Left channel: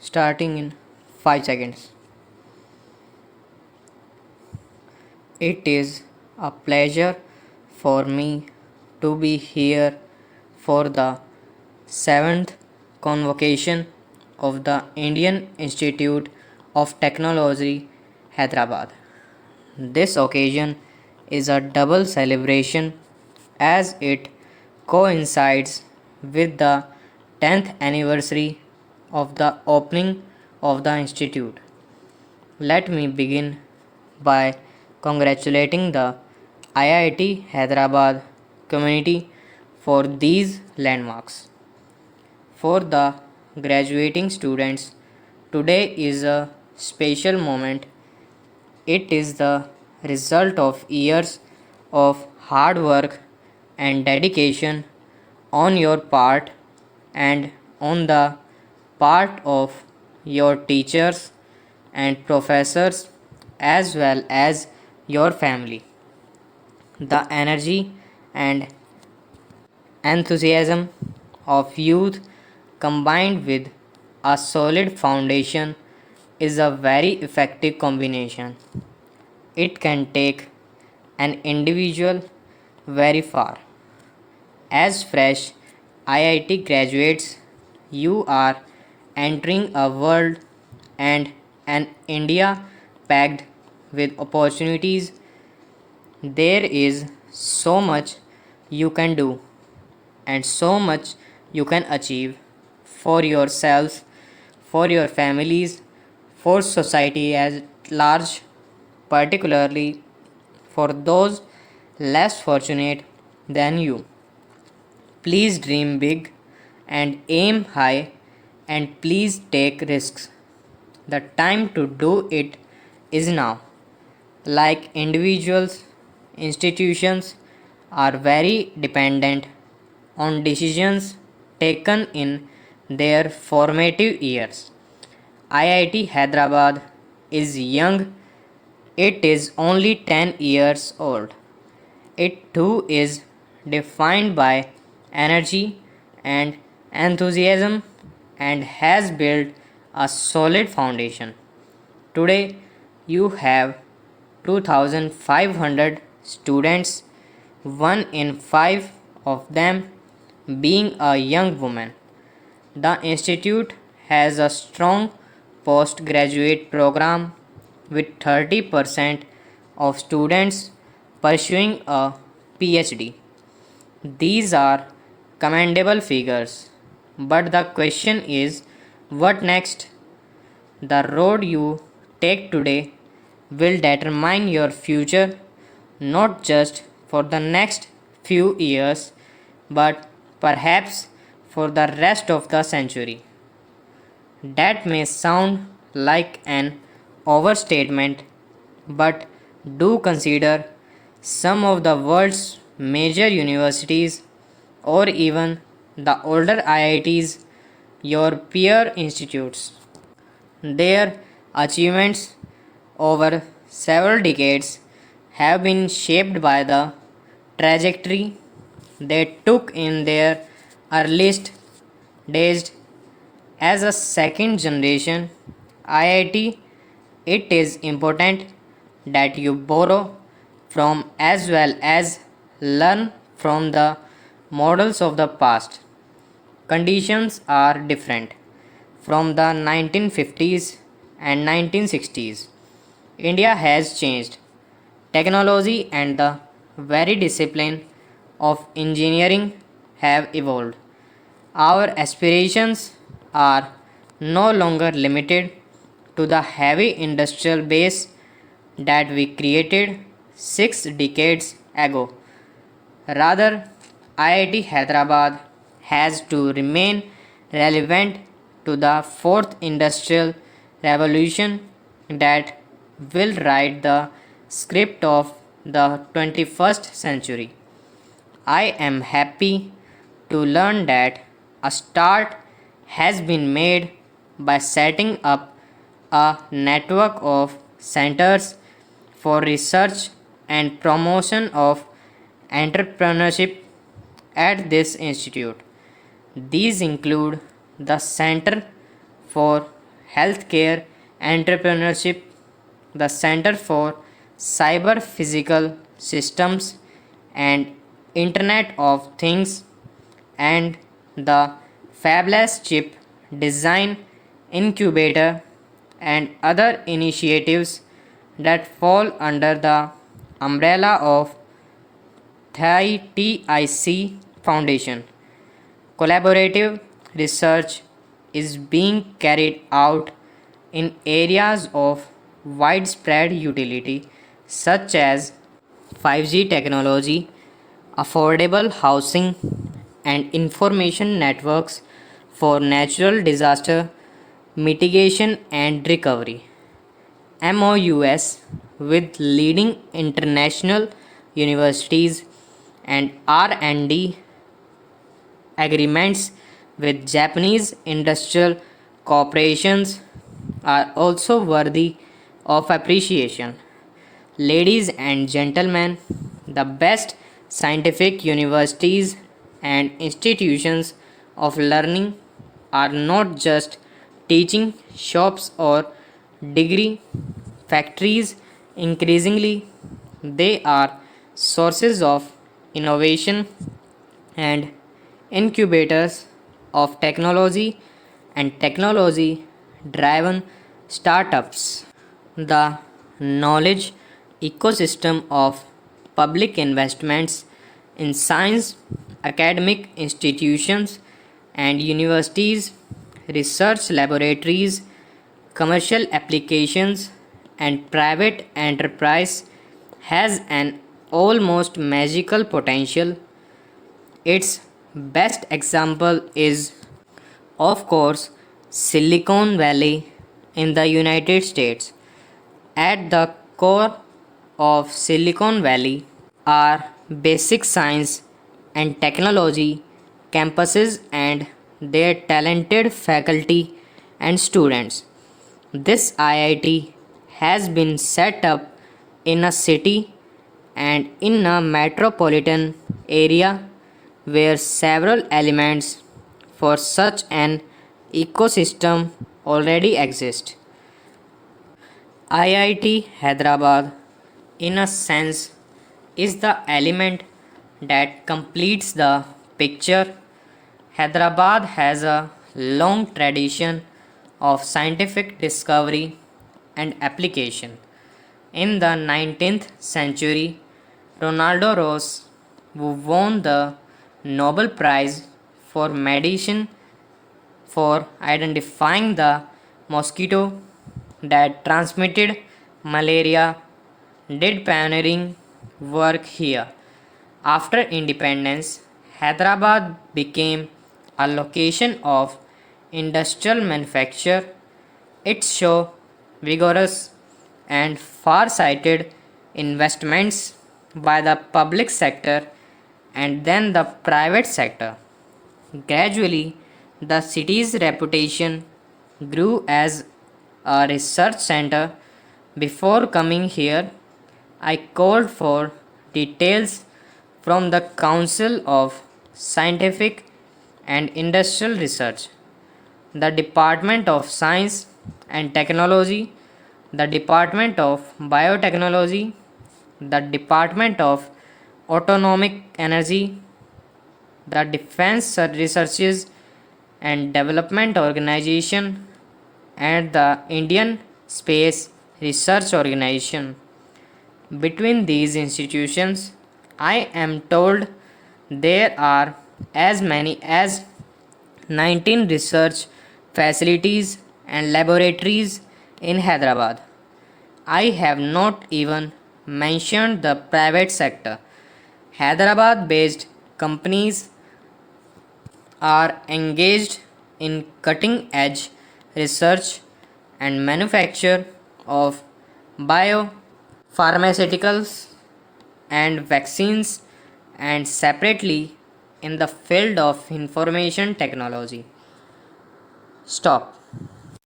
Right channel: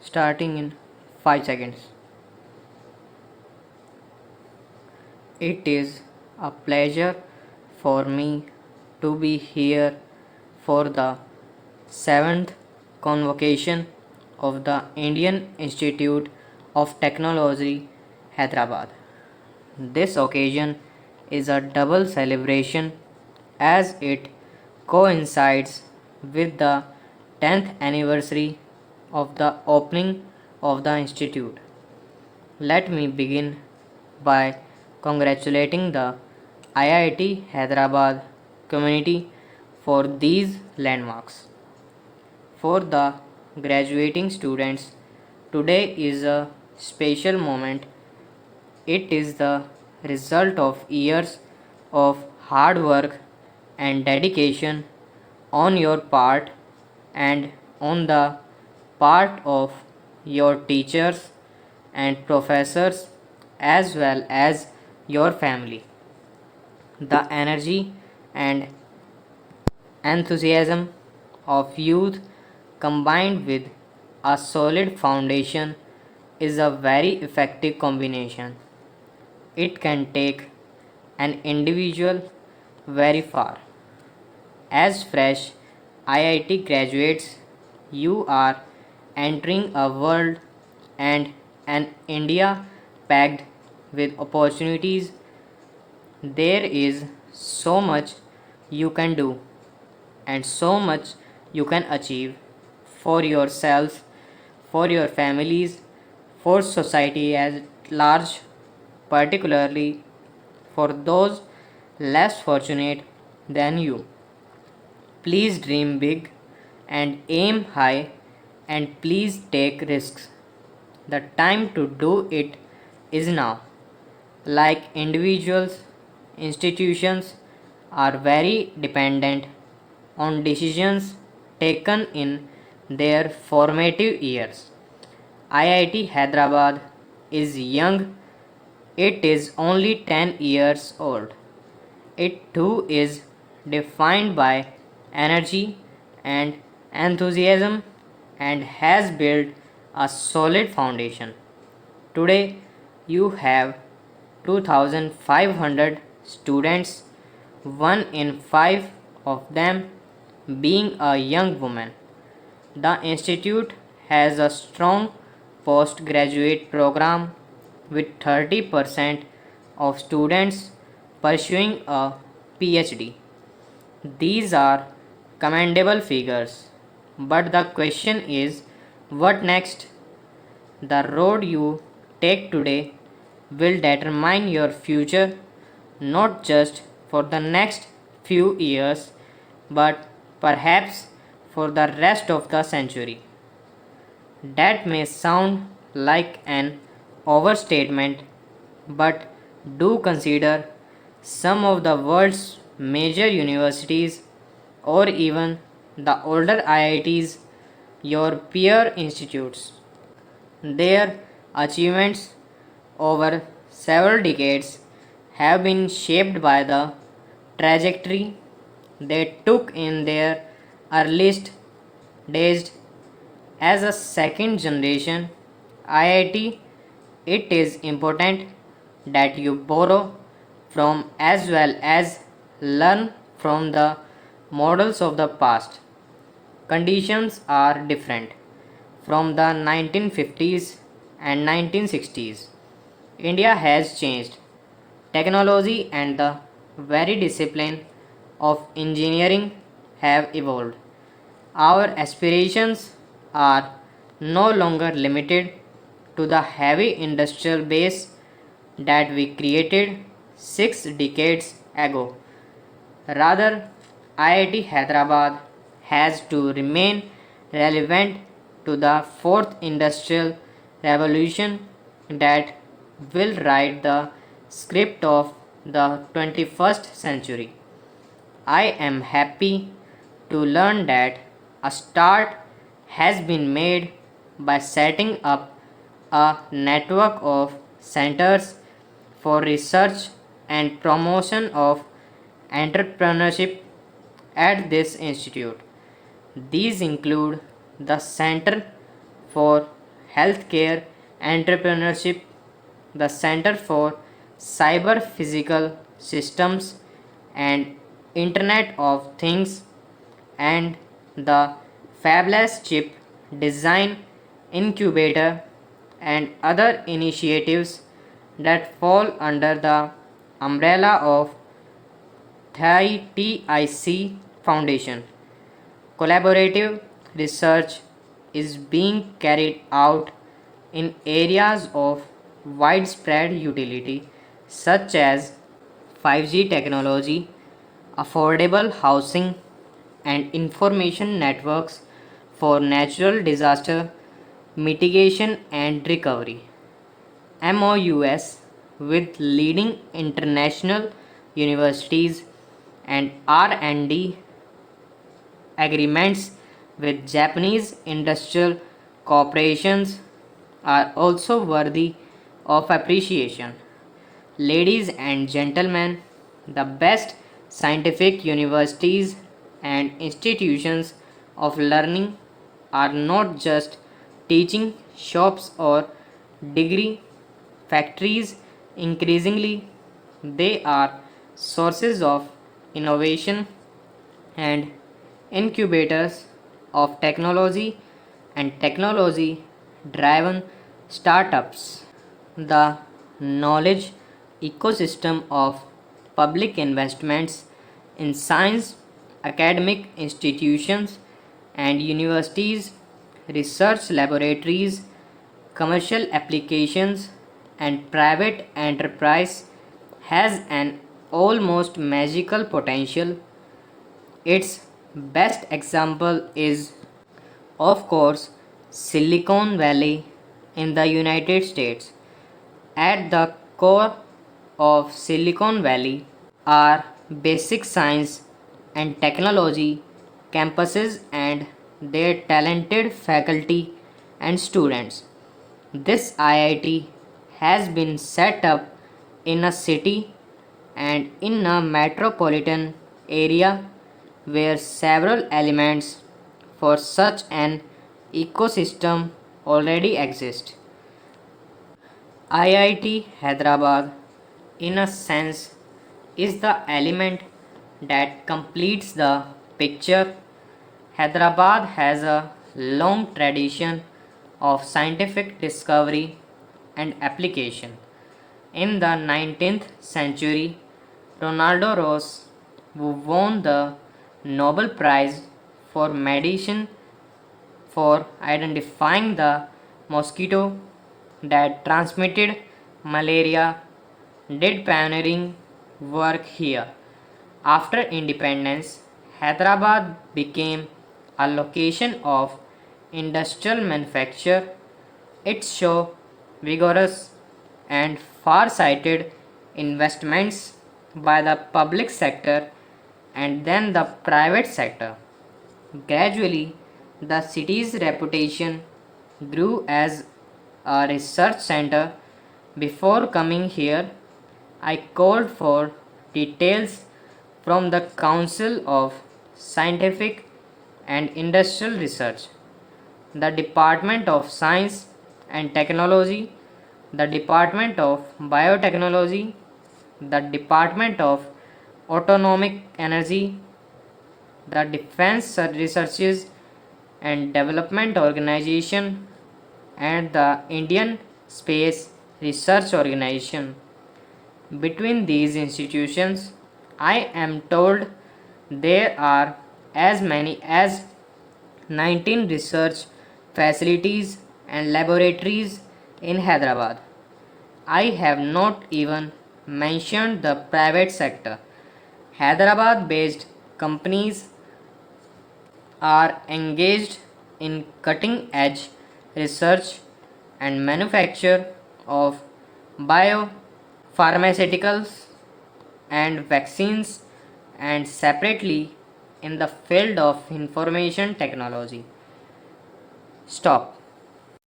starting in 5 seconds. It is a pleasure for me to be here for the 7th convocation of the Indian Institute of Technology, Hyderabad. This occasion is a double celebration as it coincides with the 10th anniversary of the opening of the institute. Let me begin by congratulating the IIT Hyderabad community for these landmarks. For the graduating students, today is a special moment. It is the result of years of hard work and dedication on your part and on the part of your teachers and professors as well as your family. The energy and enthusiasm of youth combined with a solid foundation is a very effective combination. It can take an individual very far. As fresh IIT graduates, you are entering a world and an India packed with opportunities. There is so much you can do and so much you can achieve for yourselves, for your families, for society at large, particularly for those less fortunate than you. Please dream big and aim high and please take risks. The time to do it is now. Like individuals, institutions are very dependent on decisions taken in their formative years. IIT Hyderabad is young, it is only 10 years old. It too is defined by energy and enthusiasm and has built a solid foundation. Today, you have 2,500 students, one in five of them being a young woman. The institute has a strong postgraduate program with 30% of students pursuing a PhD. These are commendable figures, but the question is what next? The road you take today will determine your future not just for the next few years but perhaps for the rest of the century. That may sound like an overstatement, but do consider some of the world's major universities or even the older IITs, your peer institutes. Their achievements over several decades have been shaped by the trajectory they took in their earliest days as a second generation IIT. It is important that you borrow from as well as learn from the models of the past. Conditions are different from the 1950s and 1960s. India has changed. Technology and the very discipline of engineering have evolved. Our aspirations are no longer limited to the heavy industrial base that we created 6 decades ago. Rather, IIT Hyderabad has to remain relevant to the fourth industrial revolution that will write the script of the 21st century. I am happy to learn that a start has been made by setting up a network of centers for research and promotion of entrepreneurship at this institute. These include the Center for healthcare, entrepreneurship, the Center for Cyber Physical Systems and Internet of Things, and the Fabless Chip Design Incubator, and other initiatives that fall under the umbrella of TIC Foundation. Collaborative research is being carried out in areas of widespread utility such as 5G technology, affordable housing, and information networks for natural disaster mitigation and recovery. MOUs with leading international universities and R&D agreements with Japanese industrial corporations are also worthy of appreciation. Ladies and gentlemen, the best scientific universities and institutions of learning are not just teaching shops or degree factories. Increasingly, they are sources of innovation and incubators of technology and technology driven startups. The knowledge ecosystem of public investments in science, academic institutions, and universities, research laboratories, commercial applications, and private enterprise has an almost magical potential. Its best example is, of course, Silicon Valley in the United States. At the core of Silicon Valley are basic science and technology campuses and their talented faculty and students. This IIT has been set up in a city and in a metropolitan area where several elements for such an ecosystem already exist. IIT Hyderabad, in a sense, is the element that completes the picture. Hyderabad has a long tradition of scientific discovery and application. In the 19th century, Ronaldo Ross, who won the Nobel Prize for Medicine for identifying the mosquito that transmitted malaria, did pioneering work here. After independence, Hyderabad became a location of industrial manufacture. It showed vigorous and far-sighted investments by the public sector and then the private sector. Gradually, the city's reputation grew as a research center. Before coming here, I called for details from the Council of Scientific and Industrial Research, the Department of Science and Technology, the Department of Biotechnology, the Department of Atomic Energy, the Defense Researches and Development Organization, and the Indian Space Research Organization. Between these institutions, I am told there are as many as 19 research facilities and laboratories in Hyderabad. I have not even mentioned the private sector. Hyderabad based companies are engaged in cutting edge research and manufacture of biopharmaceuticals and vaccines, and separately in the field of information technology. Stop.